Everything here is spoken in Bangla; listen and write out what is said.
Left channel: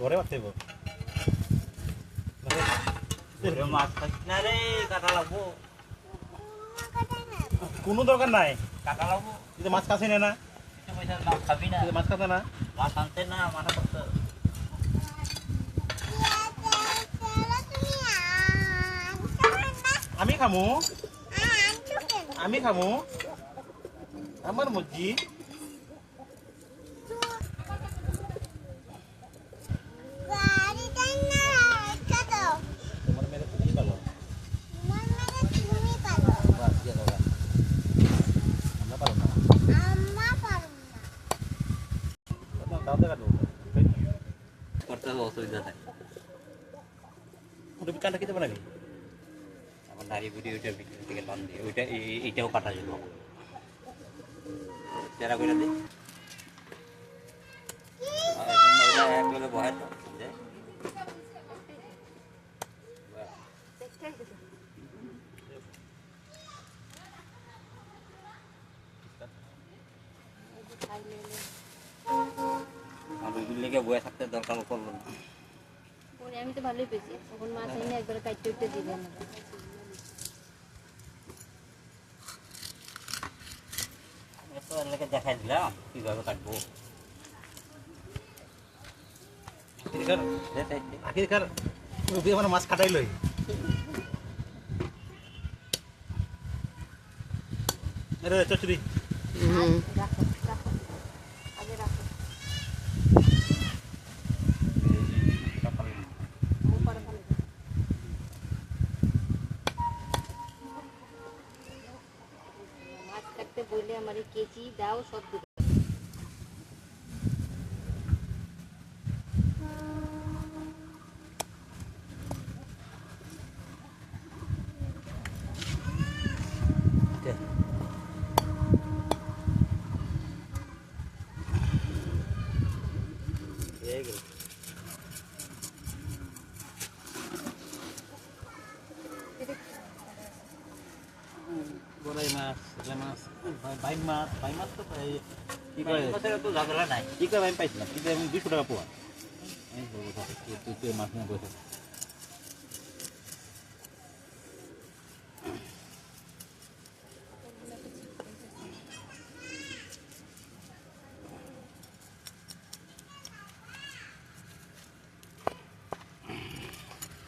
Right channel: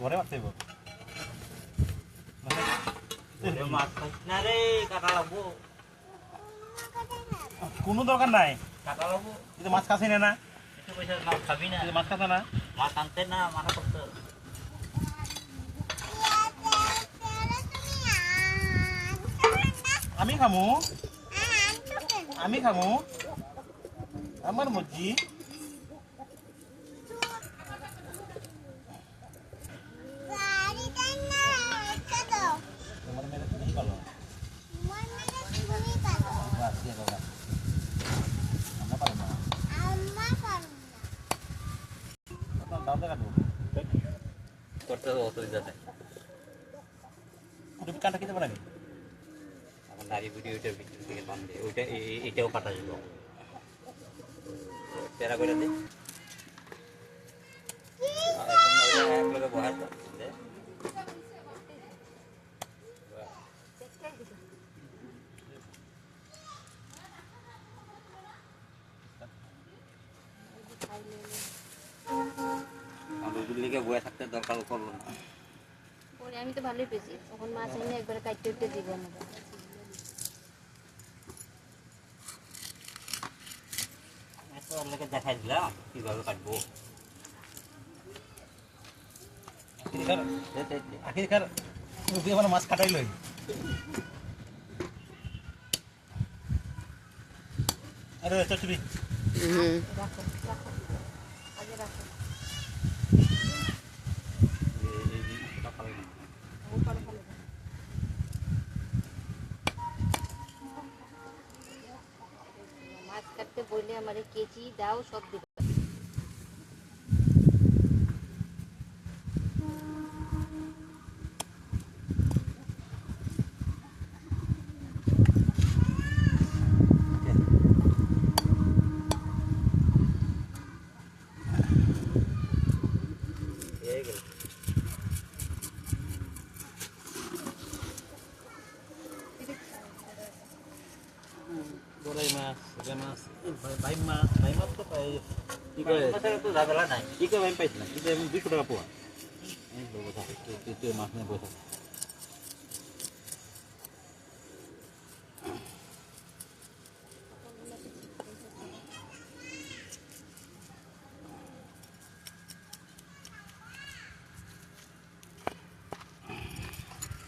ঘরে মারতে মাছ খাচ্ছি না রে, কাটা লাগবো। কোনো দরকার নাই, কাটা লাগবো। তুই মাছ খাচ্ছি না, খাবি না মাছ খাতা না, মাছ আনতে না মানা করতে। আমি খামু, আমি খামু, আমার মর্জি। করতে অসুবিধা নাই, ওটা কাটা খেতে পারি। আমার দাড়ি বুড়ি ওইটার ভিতর থেকে টান দিয়ে ওইটা এইটাও কাটা যেত। তেরা করে দিই বহায় তো বয়ে থাকতে দরকার করবো না। আমি তো ভালোই পেয়েছি, তখন মাছ এনে একবার কাটতে উঠতে দিবে আমাকে। দেখাই দিলাম কিভাবে কাটবো। মাছ কাটাই লই চচড়ি রাখো রাখো, আগে রাখো। মাছ কাটতে বললে আমার কেচি দাও, সব দেবে। বড়াই মাছ, মাছ ভাই মাছ, ভাই মাছ তো কি করে তো ঝামেলা নাই। কি করে আমি পাইছিলাম, কি করে আমি 200 টাকা পোয়া। আমি বলবো মাছ নিয়ে বসে